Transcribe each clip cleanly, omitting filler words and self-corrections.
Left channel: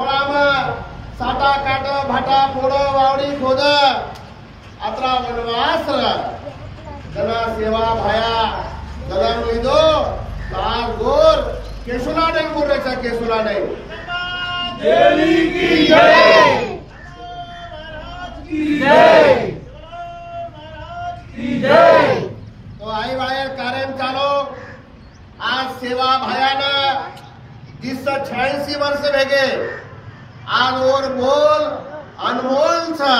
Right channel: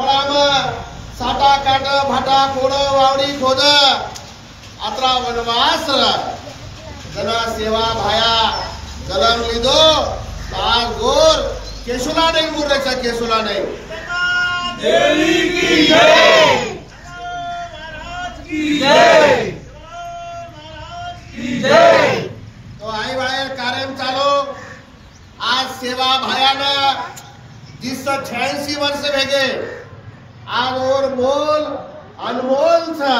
खोळाम साटा काट भाटा फोड वावडी खोद आत्रा वनवास जना सेवा भाया जलम लिदो तार गोर केशुला नहीं बोल रहा केशुला नहीं देवी की जय महाराज की जय की जय। तो आई वाले कार्यम चालो आज सेवा भायाना 86 वर्ष भेगे आज और बोल अनमोल था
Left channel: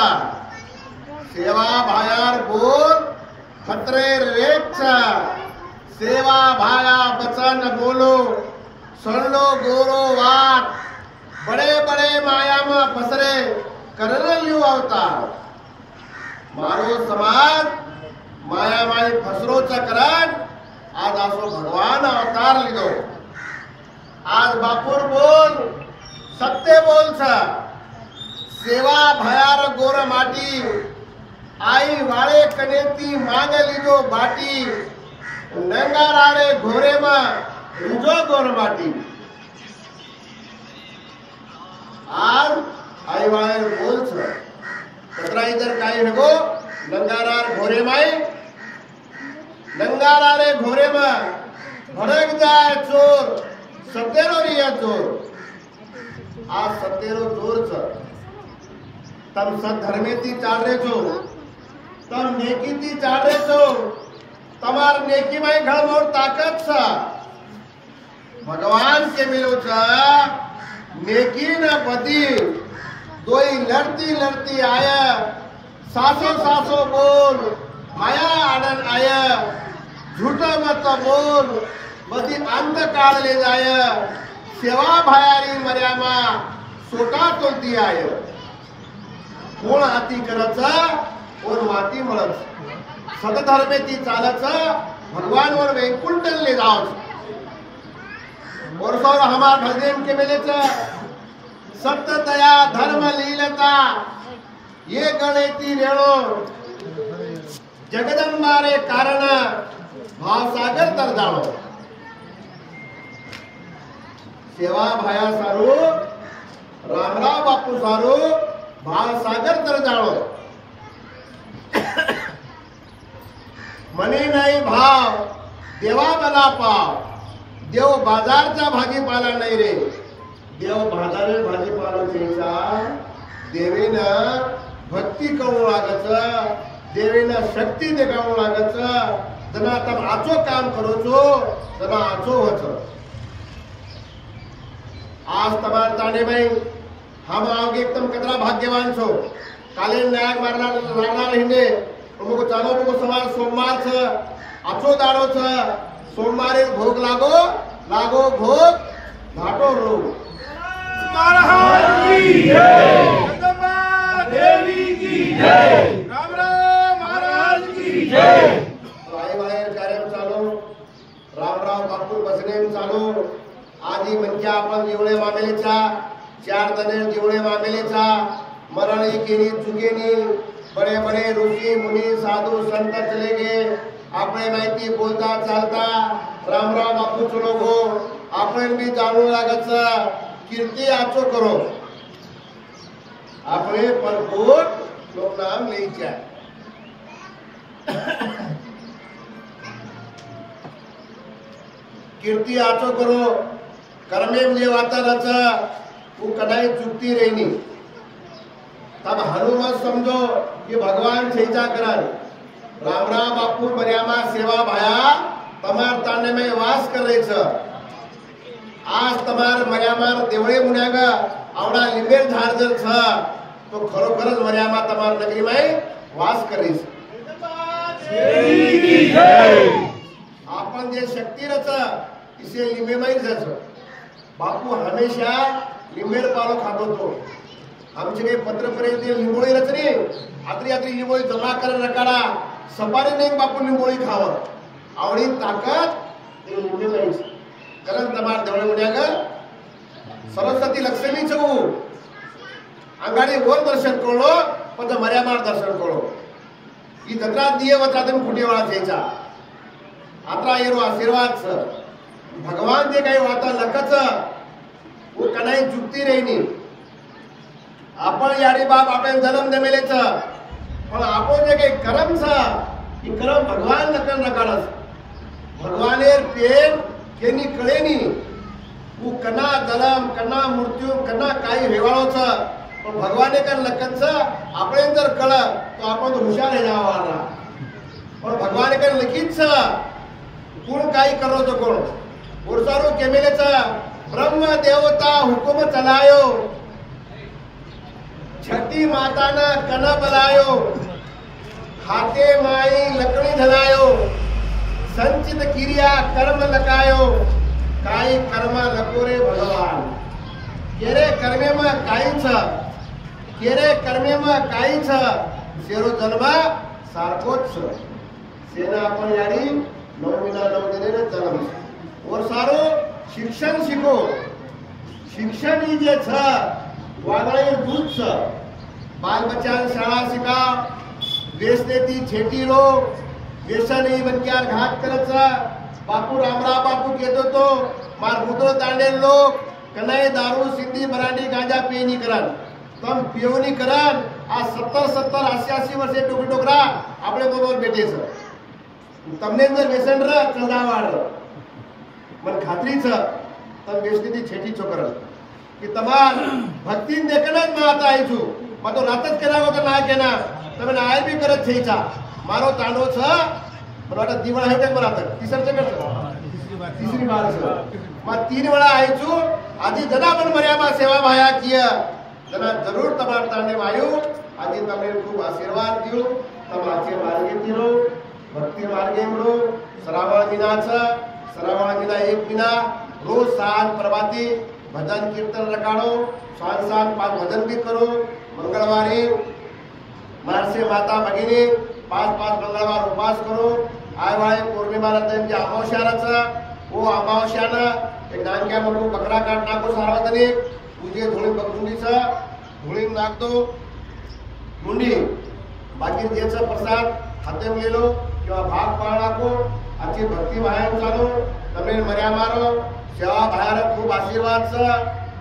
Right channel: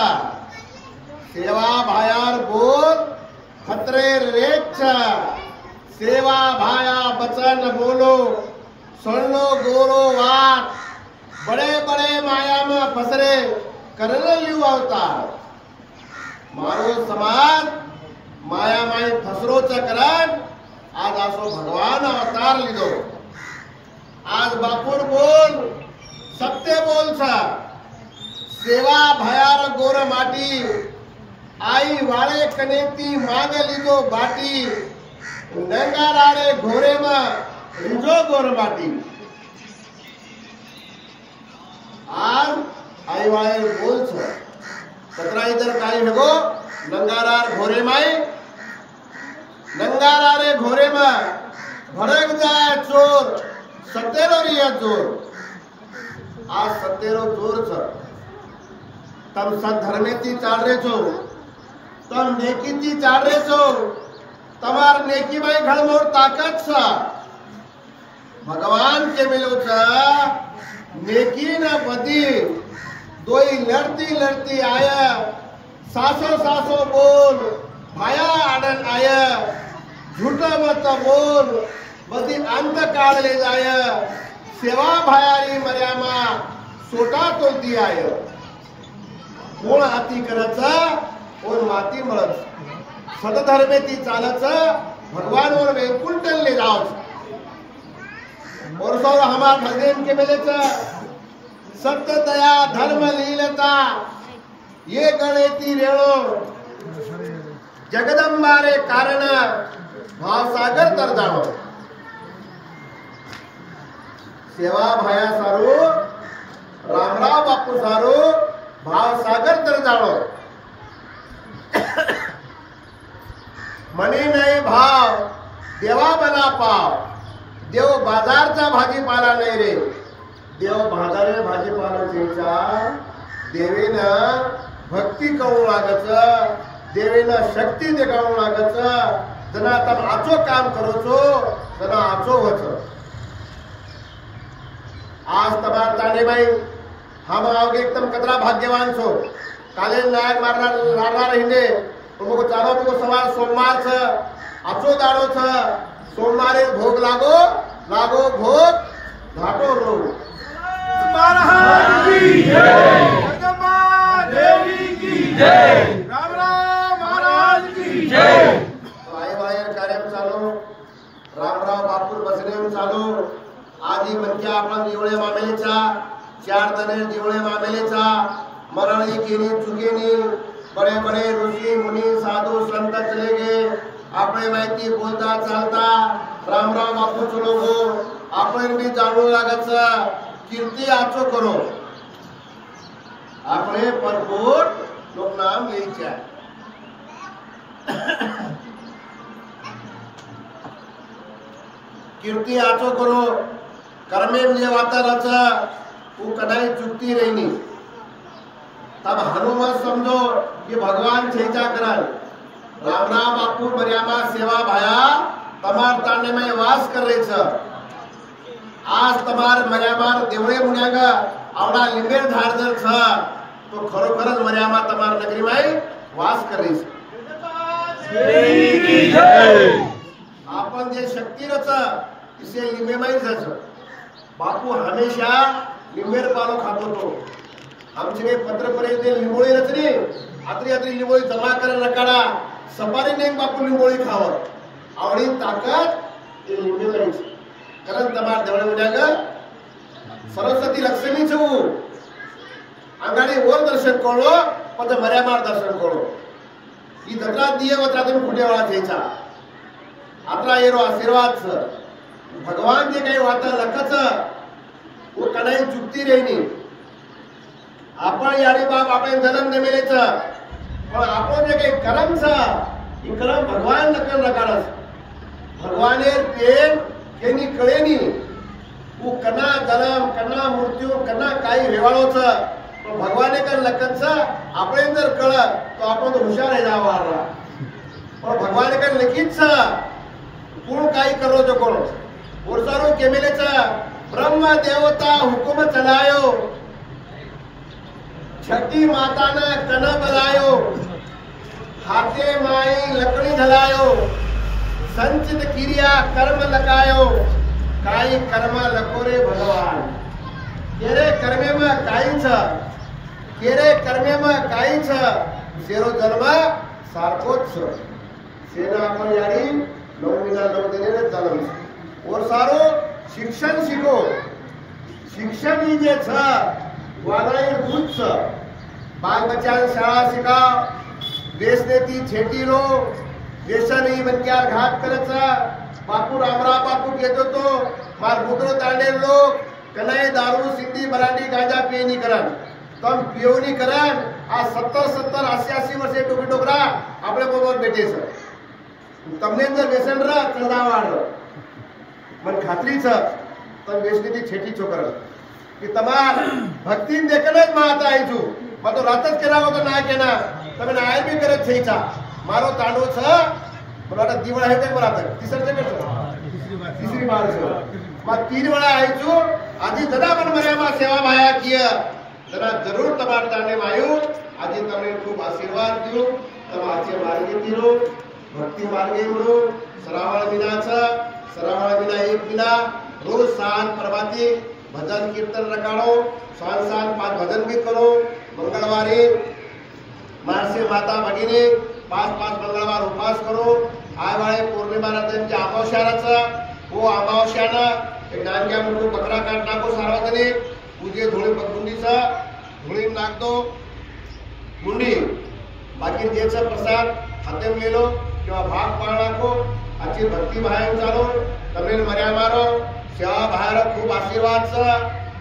सेवा भायार बोल खतरे रेख था सेवा भाया बचन बोलो सुन लो गोरो वाट बड़े बड़े माया में फसरे करल लियो अवतार मारो समाज माया माई फसरो चकरण आज आसो भगवान अवतार लिदो आज बापूर बोल सत्य बोल छा सेवा भयार गोर माटी आई वाळे कनेती मांग लिदो बाटी नंगाराड़े घोरे में रिजो गोर माटी आज आई वाळे बोल छा कतरा इधर काई हेगो नंगारार घोरे माई नंगारारे घोरे में भड़क जाए चोर सत्तेरो रिया चोर आज सत्तेरो चोर छ तम सद्धर्मेती चाल रे छो तम नेकीती चाल रे छो तमार नेकी में घड़मोर ताकत छ भगवान के मिलो छ नेकी न बदी दोई लड़ती लड़ती आया सासो सासो बोल भाया आनंद आया झूठा मत बोल बदी अंत काल ले जाय सेवा भायारी मर्यामा सोटा तोलती आय कोण हाती करचा कोण माती मळच सतधर्मेती चालच भगवान और वैकुंठन ले जाओ और सौर हमार भगदेव के मिलेच सत्य दया धर्म लीलता ये गणेती रेणो जगदंबारे कारण भावसागर तर जाणो सेवा भाया सारो रामराव बापू सारो भावसागर तर जाणो मनी नाही भाव देवा बना पाव देव बाजारचा भाजीपाला नाही रे देव बाजारे भाजीपाला द्यायचा देवीनं भक्ती करू लागच देवीनं शक्ती देखावू लागच जना तम आचो काम करोचो जना आचो वच आज तमार ताने भाई हम आओगे एकदम कतरा भाग्यवान छो काले नायक मारना रहीने मुको चालो मुको सवार सोमवार छ आचो दाड़ो छ सोमवारे भोग लागो लागो भोग घाटो रो महाराज की जय जगदम्बा देवी की जय राम राम महाराज की जय। आई वायर कार्यम चालू रामराव बापूर बसनेम चालू आदि मनक्या आपण दिवळे मामेलेचा 4 दने दिवळे मामेलेचा मरण केनी चुकेनी बड़े बड़े ऋषि मुनि साधु संत चले गए आपने माहिती बोलता चालता रामराव बापू चलो गो आपण भी जाणू लागच कीर्ती आचो करो आपने परपोट लोक नाम लेच्या कीर्ती आचो करो कर्मेम जे वातारच वो कदाई चुकती रहनी तब हनुमान समझो कि भगवान छेचा करन रामराव बापू मर्यामा सेवा भाया तमार तांडे में वास कर रहे छ आज तमार मर्यामार देवळे मुन्याग आवडा लिंबेर झाड जर छ तो खरोखरच मर्यामा तमार नगरी में वास कर रही छ आपण जे शक्ती रच इसे लिंबे में जच बापू हमेशा लिंबेर पालो खातो तो आमचे काही पत्र पर्यंत लिंबोळी रचनी आत्री आत्री लिंबोळी जमा कर नकाडा सपारी नेम बापू लिंबोळी खाव आवडी ताकद लिंबे में कारण तमार देवळे मुन्याग सरस्वती लक्ष्मी छू अंगाडी वर दर्शन करो पण मर्यामार दर्शन करो ई दत्रा दिये वचा तुम कुटे वाला छेचा आत्रा येरो आशीर्वाद छ भगवान जे काही वाता लखच वो कनाई चुकती रहनी आपण याडी बाप आपण जन्म देमेलेच पण आपण जे काही कर्म छ ई कर्म भगवान नकर नकारस भगवानेर प्रेम केनी कळेनी वो कना जन्म कना मृत्यू कना काही वेवाळो छ पण भगवाने कर लखन छ आपण जर कळ तो आपण हुशार है जावारा पण भगवाने कर लिखित छ कोण काही करो तो कोण ओरसारो केमेले छ ब्रह्म देवता हुकुम चलायो छठी माताना कन बलायो हाथे माई लकड़ी झलायो संचित क्रिया कर्म लकायो काही कर्म लकोरे भगवान केरे कर्मे में काही छ केरे कर्मे में काही छ सेरो जन्म सारखोच छ सेना आपण यारी 9 महिना 9 दिने जन्म और सारो शिक्षण शिको शिक्षण ही जे छ वानाई दूध छ बाल बच्चा शाळा शिकाव देशने ती छेटी लो देशाने बनक्यार घात करत बापू रामराव बापू कहतो तो मार मुद्रो तांडे लोग कनाई दारू सिंधी बरांडी गांजा पियनी करन तम पियोनी करन आ 70 88 वर्षे टोकी टोकरा આપણે બરોબર બેઠે છે તમને અંદર વ્યસન ર ચંદાવાડ મને ખાતરી છે તમે વેસનીથી છેટી છો કરન કે તમાર ભક્તિને દેખને જ માતા આવી છું मैं तो रातच केला होता ना केना તમે નાય બી કરત છે ઈચ્છા મારો તાંડો છે મને दिवाळ आहे ते बरात तिसरचे करतो तीसरी बार છે मैं 3 वेळा आई છું आधी जदा पण मर्यामा सेवा भाया किया जरा जरूर તમાર તાંડે આયો આજે તમને ખૂબ આશીર્વાદ दियो તમારે मार्गे तिरो भक्ति मार्गे रो श्रावण महीना છે श्रावण महीना एक महीना रोज साल प्रभाती भजन कीर्तन रखाड़ो सांसार 5 भजन भी करो मंगलवारी मारसे माता भगिनी 5 मंगलवार उपवास करो आय वाळे पौर्णिमा रात्री अमावस्याचा वो अमावस्याना एक नानक्या म्हणून बकरा काट नाको सार्वजनिक पूजे धुळे पगुंडीचा धुळे नागतो मुंडी बाकी जेचा प्रसाद हाते मेलो किंवा भाग पाळाको आची भक्ती भाया चालो तमेल मर्या मारो सेवा भायाला खूप आशीर्वाद छ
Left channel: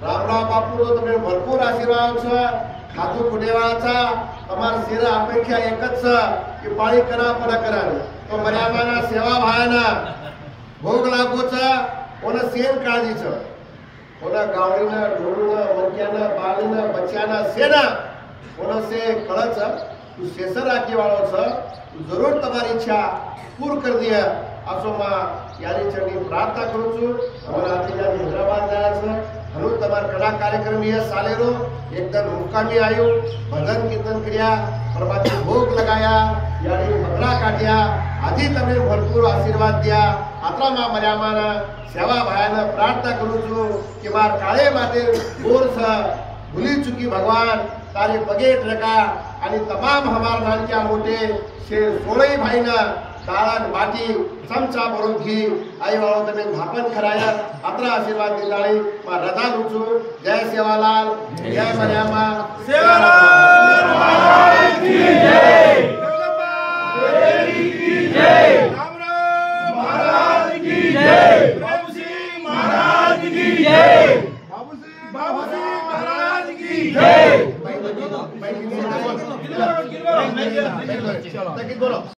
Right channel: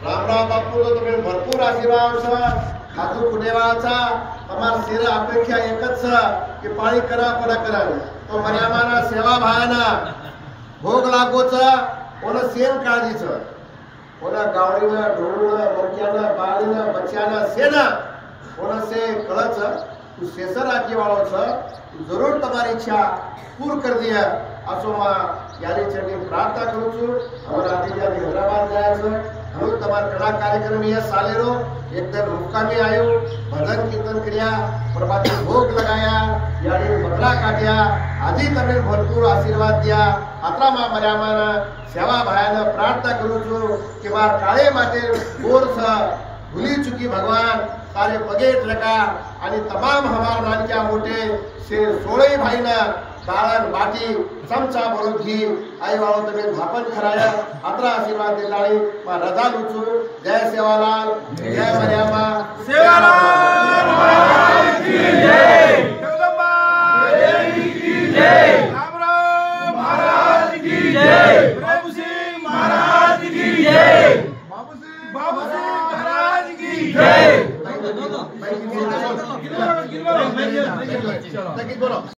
रामराव बापू तो तुम्ही भरपूर आशीर्वाद छ खातू कुटेवाळाचा તમાર સેર અપેક્ષા એક જ છે કે પાણી કરા પરા કરાવે તો મર્યાદાના સેવા ભાયાના ભોગ લાગો છે ઓને સેન કાળજી છે ઓના ગાવડીના ઢોળના મોક્યાના બાળીના બચ્ચાના સેના ઓને સે કળ છે તું શેષર રાખી વાળો છે તું જરૂર તમારી ઈચ્છા પૂર કરી દે આસોમાં યારી ચડી પ્રાર્થના કરું છું અમારા આદિજાતિ હૈદરાબાદ ગયા છે હનુ તમાર કડા કાર્યક્રમ ये सालेरो एकदम मुकामी आयो भजन कीर्तन કર્યા प्रभाती भोग लगाया यानी बकरा काट्या आधी तमे भरपूर आशीर्वाद दिया आत्रामा मर्यामाना सेवा भायाने प्रार्थना करू છું કે માર કાળે માટે બોર છે ભૂલી ચૂકી ભગવાન તારે પગે ટકા અને તમામ હમાર નાનક્યા મોટે શે 16 ભાઈના તાળાન વાટી ચમચા ભરું ઘી આઈ વાળો તમે થાપન ખરાયા આતરા આશીર્વાદ દેતાળી માં રજા લઉં છું જય સેવાલાલ જય મર્યામા सेवालाल महाराज की जय जगदम्बा देवी की जय।